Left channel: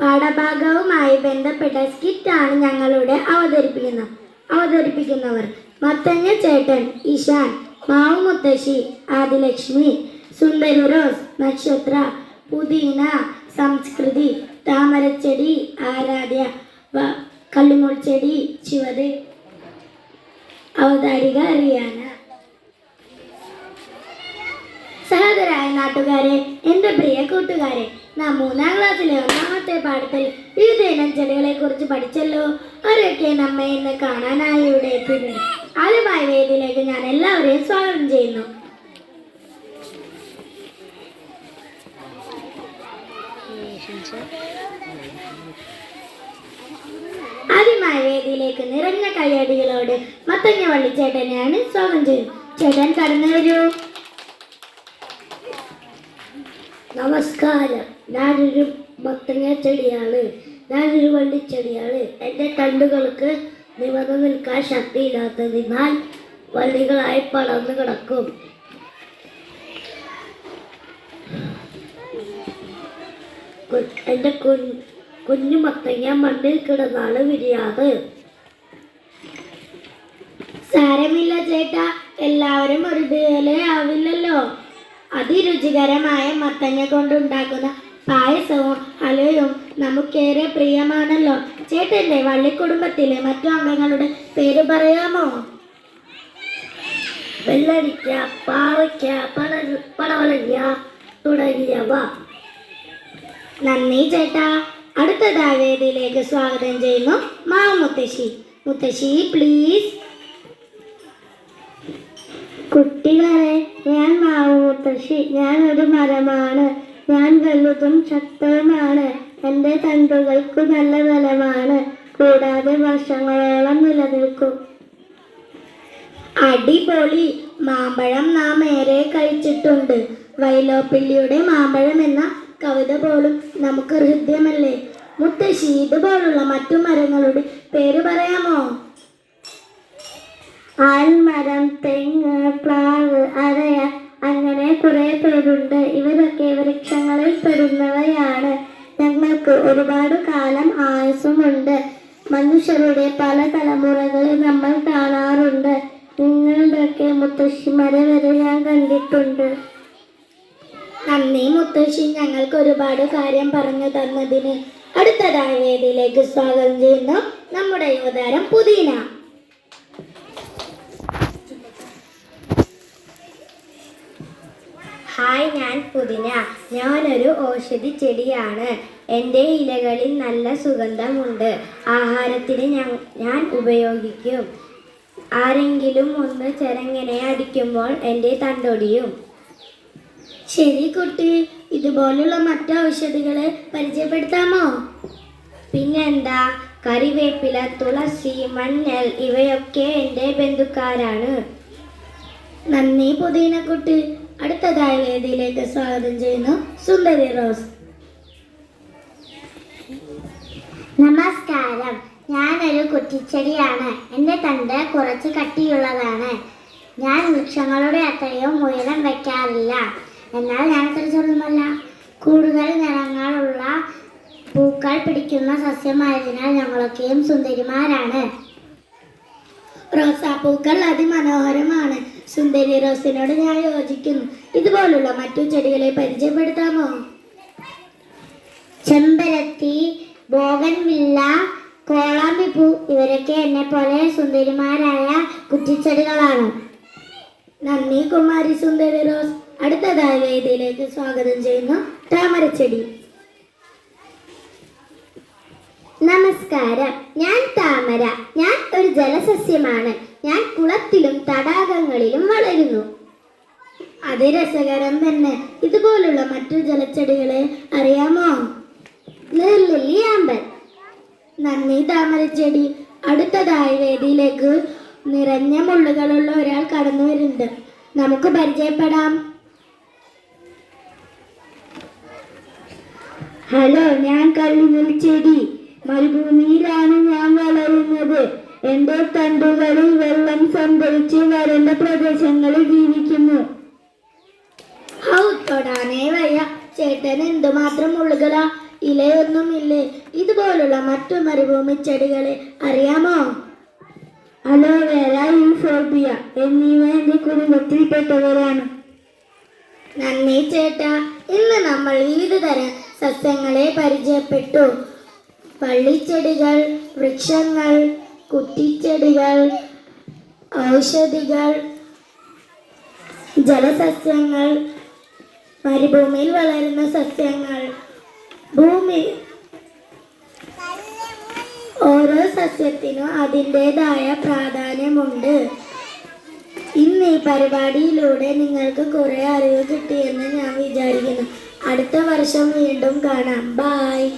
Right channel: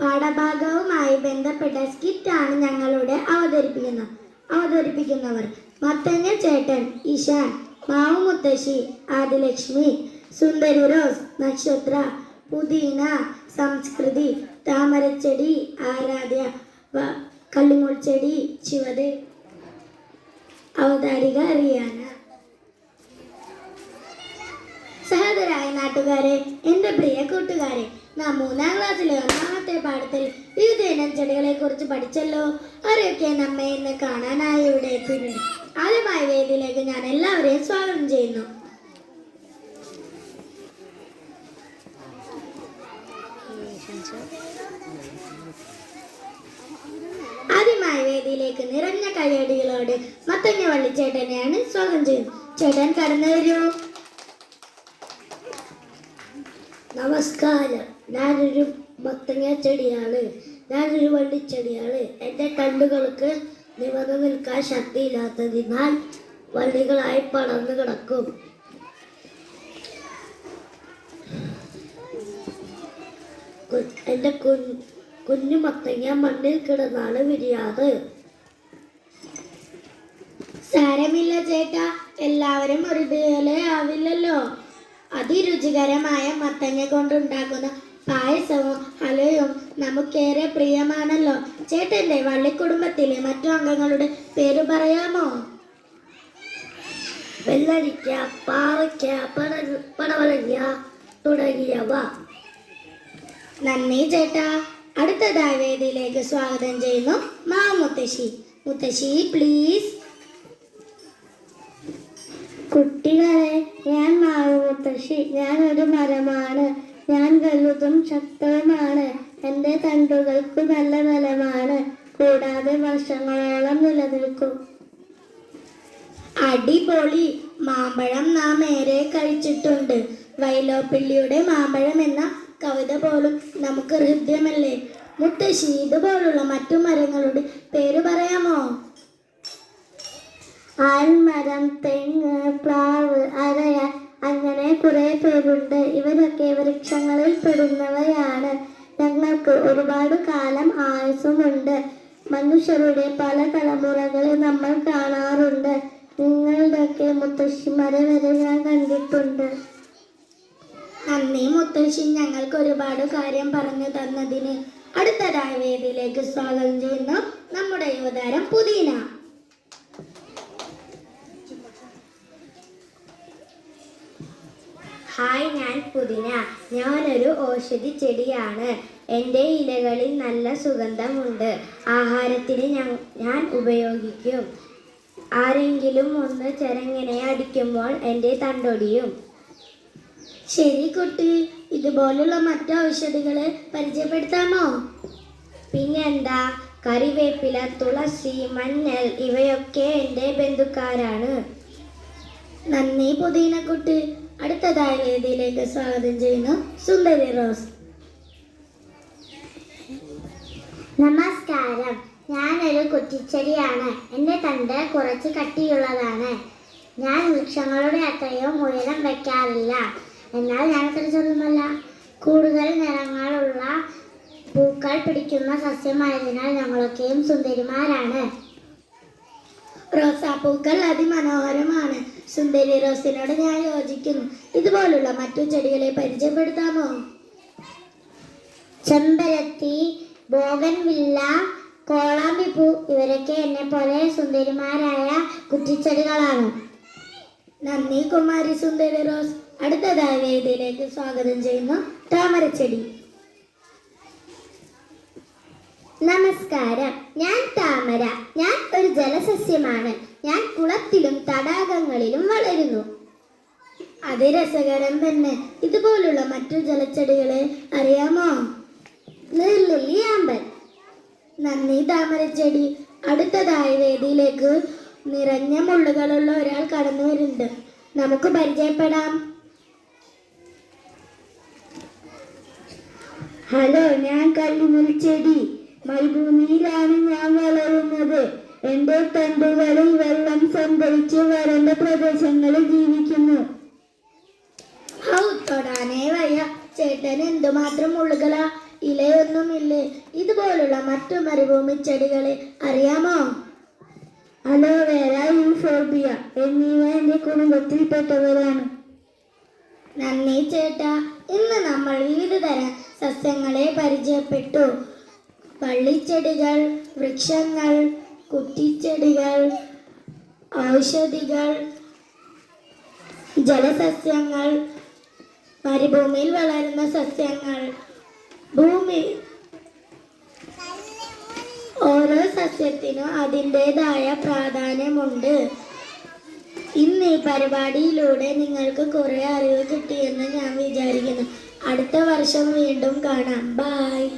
പാഠഭാഗവുമായി ബന്ധപ്പെട്ട സ്കിറ്റാണ് ഞങ്ങളുടെ അവതരിപ്പിക്കുന്നവർ. മത്തങ്ങ ചേട്ടൻ ഇഷാൻ, മാവു മുത്തശ്ശി ആദിലക്ഷ്മി, സുന്ദരി റോസ് നക്ഷത്ര, പുതിന സംസ്കൃതി, താമരച്ചെടി ആരാധ്യ, കള്ളിമുൾ ചെടി ശിവദേ, അവതാരിക റിയാന. സഹോദരായ നാട്ടുകാരെ, എൻ്റെ പ്രിയ കൂട്ടുകാരെ, നാം 3ാം ക്ലാസ്സിലെ 1ാമത്തെ പാഠത്തിൽ വിവിധ ഇനം ചെടികളെ കുറിച്ച് പഠിച്ചല്ലോ. അവരൊക്കെ നമ്മെ ഇന്ന് കാണാനായി ഇവിടെ എത്തിയിട്ടുണ്ട്. ആദ്യമായ വേദിയിലേക്ക് ഞാൻ എല്ലാവരെയും സ്വാഗതം ചെയ്യുന്നു. ആദ്യമായ വേദിയിലേക്ക് നിറഞ്ഞ കയ്യടികളോട് മത്തങ്ങ വള്ളിച്ചേട്ടനെയാണ് സ്വാഗതം ചെയ്യുന്നത്. ചേട്ടൻ കടന്നു വരൂ. നമസ്കാരം. ഞാനൊരു മത്തങ്ങ ചെടിയാണ്. ഞാനൊരു വള്ളിച്ചെടിയാണ്. എൻ്റെ തണ്ടുകൾക്ക് നിവർന്നു നിൽക്കാൻ ശക്തിയില്ലാത്തതിനാൽ വള്ളികളായി പടർന്നു കിടക്കും. എൻ്റെ കുഞ്ഞു മത്തങ്ങ മണ്ണിൽ കിടന്നാണ് വിരിയാറ്. സാരമില്ല ചേട്ടാ, എല്ലാവരും ഒരുപോലെ ആവില്ലല്ലോ. അതിരുചികരമായ മത്തങ്ങ കൊണ്ടുണ്ടാക്കുന്ന പായസവും ഹലവും നമുക്കേറെ പ്രിയമാണല്ലോ. ചേട്ടൻ്റെ വള്ളിക്കുടുംബത്തിലെ മറ്റു അംഗങ്ങളുടെ പേര് പറയാമോ? വെള്ളരിക്ക, പാവയ്ക്ക, പടവലങ്ങ തുടങ്ങിയവ. നന്ദി ചേട്ടാ. അടുത്തതായി വേദിയിലേക്ക് സ്വാഗതം ചെയ്യുന്നു മാവു മുത്തശ്ശി. മുത്തശ്ശി പ്ലീസ്. കുട്ടികളെ, ഞാൻ മാവു മുത്തശ്ശി. ഞാൻ ഒരു മരമാണ്. ഞാൻ വലുതും ശക്തവുമാണ്. എൻ്റെ തണ്ടുകൾക്ക് നല്ല ബലമാണ്. കൂടാതെ വർഷങ്ങളോളം നിലനിൽക്കും. അടിപൊളി. മാമ്പഴം നാം ഏറെ കഴിച്ചിട്ടുണ്ട്. വൈലോപ്പിള്ളിയുടെ മാമ്പഴം എന്ന കവിത പോലും നമുക്ക് ഹൃദ്യമല്ലേ. മുത്തശ്ശി, ഇതുപോലുള്ള മറ്റു മരങ്ങളുടെ പേര് പറയാമോ? ആൽമരം, തെങ്ങ്, പ്ലാവ്, അരയ, അങ്ങനെ കുറെ പേരുണ്ട്. ഇവരൊക്കെ വൃക്ഷങ്ങളിൽ പെടുന്നവയാണ്. ഞങ്ങൾക്ക് ഒരുപാട് കാലം ആയുസ്സുമുണ്ട്. മനുഷ്യരുടെ പല തലമുറകളെ നമ്മൾ കാണാറുണ്ട്. നിങ്ങളുടെയൊക്കെ മുത്തശ്ശിമാരെ വരെ ഞാൻ കണ്ടിട്ടുണ്ട്. നന്ദി മുത്തശ്ശി, ഞങ്ങൾക്ക് ഒരുപാട് കാര്യം പറഞ്ഞു തന്നതിന്. അടുത്തതായ വേദിയിലേക്ക് സ്വാഗതം ചെയ്യുന്നു നമ്മുടെ യുവതാരം പുതിന. ഹായ്, ഞാൻ പുതിന. ഞാനൊരു ഔഷധി ചെടിയാണ്. എൻ്റെ ഇലകളിൽ നല്ല സുഗന്ധമുണ്ട്. ആഹാരത്തിന് ഞാൻ ഉപയോഗിക്കും. ആരെങ്കിലും ഒന്ന് ചെരങ്ങനെ അടിക്കുമ്പോൾ എൻ്റെ തണ്ടൊടിയും. ശരി കുട്ടി, ഇതുപോലുള്ള മറ്റു ഔഷധികളെ പരിചയപ്പെടുത്താമോ? പിന്നെന്താ, കറിവേപ്പില, തുളസി, മഞ്ഞൾ ഇവയൊക്കെ എൻ്റെ ബന്ധുക്കാരാണ്. നന്ദി പുതിന കുട്ടി. അടുത്തതായ വേദിയിലേക്ക് സ്വാഗതം ചെയ്യുന്നു സുന്ദരി റോസ്. നമസ്കാരം. ഞാനൊരു കുറ്റിച്ചെടിയാണ്. എൻ്റെ തണ്ട് കുറച്ച് കട്ടിയുള്ളതാണ്. ഞാൻ വൃക്ഷങ്ങളുടെ അത്രയും ഉയരം വയ്ക്കാറില്ല. എന്നാൽ ഞാൻ അത്ര ചെറുതല്ല. കൂടുതൽ നിറങ്ങളുള്ള പൂക്കൾ പിടിക്കുന്ന സസ്യമായതിനാൽ ഞങ്ങളൊക്കെയും സുന്ദരിമാരാണ്. റോസാപ്പൂക്കൾ അതിമനോഹരമാണ്. സുന്ദരി റോസിനോട് ഞാൻ യോജിക്കുന്നു. ഇതുപോലുള്ള മറ്റു ചെടികളെ പരിചയപ്പെടുത്താമോ? ചെമ്പരത്തി, ബോഗൻവില്ല, കോളാമ്പിപ്പൂ ഇവരൊക്കെ എന്നെ പോലെ സുന്ദരിമാരായ കുറ്റിച്ചെടികളാണ്. നന്ദി കുമാരി സുന്ദരി റോസ്. അടുത്തതായ വേദിയിലേക്ക് സ്വാഗതം ചെയ്യുന്നു താമരച്ചെടി. നമസ്കാരം. ഞാൻ താമര. ഞാൻ ഒരു ജലസസ്യമാണ്. ഞാൻ കുളത്തിലും തടാകങ്ങളിലും വളരുന്നു. അത് രസകരം തന്നെ. ഇതുപോലുള്ള മറ്റു ജലച്ചെടികളെ അറിയാമോ? നീർലില്ലി, ആമ്പൽ. നന്ദി താമരച്ചെടി. അടുത്തതായ വേദിയിലേക്ക് നിറഞ്ഞ മുള്ളുകളുള്ള ഒരാൾ കടന്നു വരുന്നുണ്ട്. നമുക്ക് പരിചയപ്പെടാം. ഹലോ, ഞാൻ കള്ളിമുൾ ചെടി. മരുഭൂമിയിലാണ് ഞാൻ വളരുന്നത്. എൻ്റെ തണ്ടുകളിൽ വെള്ളം സംഭരിച്ച് വരണ്ട പ്രദേശങ്ങളിൽ ജീവിക്കുന്നു. തൊടാനേ വയ്യ. ചേട്ടന് എന്തുമാത്രം മുള്ളുകളാ. ഇലയൊന്നുമില്ലേ? ഇതുപോലുള്ള മറ്റു മരുഭൂമി ചെടികളെ അറിയാമോ? അലോവേര, യൂഫോർബിയ എന്നിവ എൻ്റെ കുടുംബത്തിൽപ്പെട്ടവരാണ്. നന്ദി ചേട്ടാ. ഇന്ന് നമ്മൾ വിവിധ തരം സസ്യങ്ങളെ പരിചയപ്പെട്ടു. വള്ളിച്ചെടികൾ, വൃക്ഷങ്ങൾ, കുറ്റിച്ചെടികൾ, ഔഷധികൾ, ജലസസ്യങ്ങൾ, മരുഭൂമിയിൽ വളരുന്ന സസ്യങ്ങൾ. ഓരോ സസ്യത്തിനും അതിൻ്റെതായ പ്രാധാന്യമുണ്ട്. ഇന്ന് ഈ പരിപാടിയിലൂടെ നിങ്ങൾക്ക് കുറെ അറിവ് കിട്ടിയെന്ന് ഞാൻ വിചാരിക്കുന്നു. അടുത്ത വർഷം വീണ്ടും കാണാം. ബൈ.